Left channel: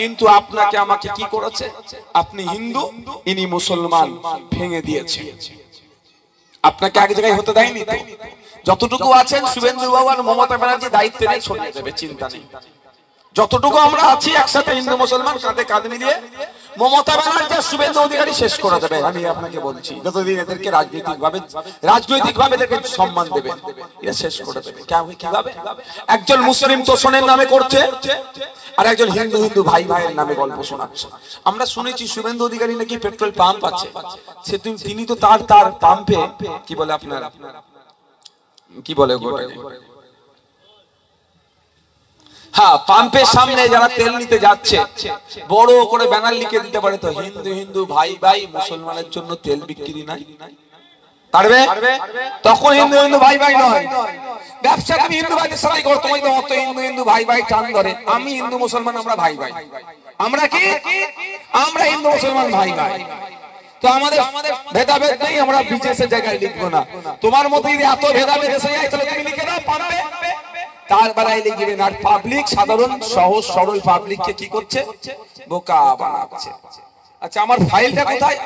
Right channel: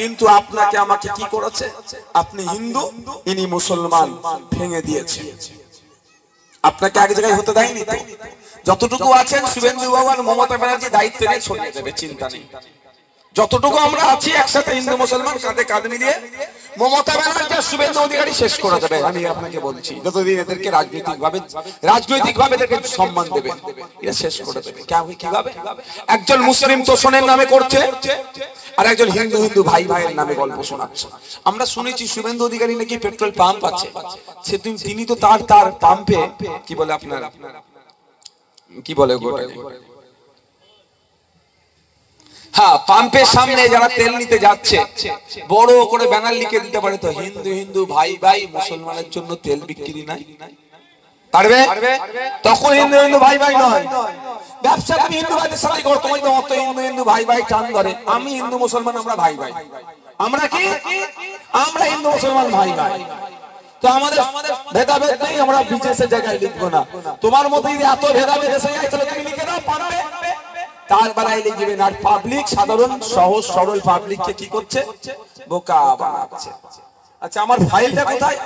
কিন্তু আপনাকে আমাকে কি করেছে? আপনি হিন্দু, ইনি মুসলমান, ভেঙে দিয়েছে। আপনাকে এক জায়গায় হতে দেয়নি তো। যতটুকু আছেন শুভেন্দু বাবু আর মমতা ব্যানার্জি দায়িত্ব নিয়ে ছড়িয়ে দেবে, চিন্তা নেই। যতটুকু আমরা আছি একসাথে হিন্দু মুসলমান কাঁধে কাঁধ মিলিয়ে মমতা ব্যানার্জি আর শুভেন্দু অধিকারী শেষ করে দেবে। আমি আপনাকে বলছি, যতদিন এদেরকে রাজনৈতিকভাবে এদেরকে সম্মান দেবে, এরা শেষ করে দেবে। কিভাবে? একজন মুসলিম তোষণের নামে করছে, আর একজন হিন্দু হিন্দু ভাই ভাইয়ের নামে গল্প শোনাচ্ছে। আমরা শুনেছি শুভেন্দু অধিকারী নাকি পেট্রোল পাম্প আছে, তিনি তো তার পাম্পে কি বলে আপনার কি বলে হ্যাঁ, পাম্পের সামনে যারা তেল নিতে যাচ্ছে বড় করে ব্যানার লিখে দিতে পারে তো, হিন্দু হিন্দু ভাই ভাই, মুসলমানের জন্য তেল বিক্রি নাই। পারবে? তখন হিন্দু হিন্দু ভাই ভাই নয়, ব্যবসা তুমি হিন্দু ভাইদের সাথে করো, তোমায় তো অত হিন্দু হিন্দু ভাই ভাই টান ধরে। আমি হিন্দু মুসলমান, আমরা ভাই ভাই। আমরা কি? আমরা হিন্দু মুসলমান ভাই ভাই। তো আমাদের ভেদাভেদ নেই, আমরা বিশেষের জায়গায় লিখবো না। তোমার মতো যদি এত ভেদাভেদ এসে যায় তাহলে তুমি লিখে দাও পারবে, তার বেলায় লিখবেন। আর পাবলিক, সাধারণ সহজ সরল পাবলিককে কি করছে? বোকা বানাচ্ছে। আচ্ছা, আমার ফাইলটা কোথায়?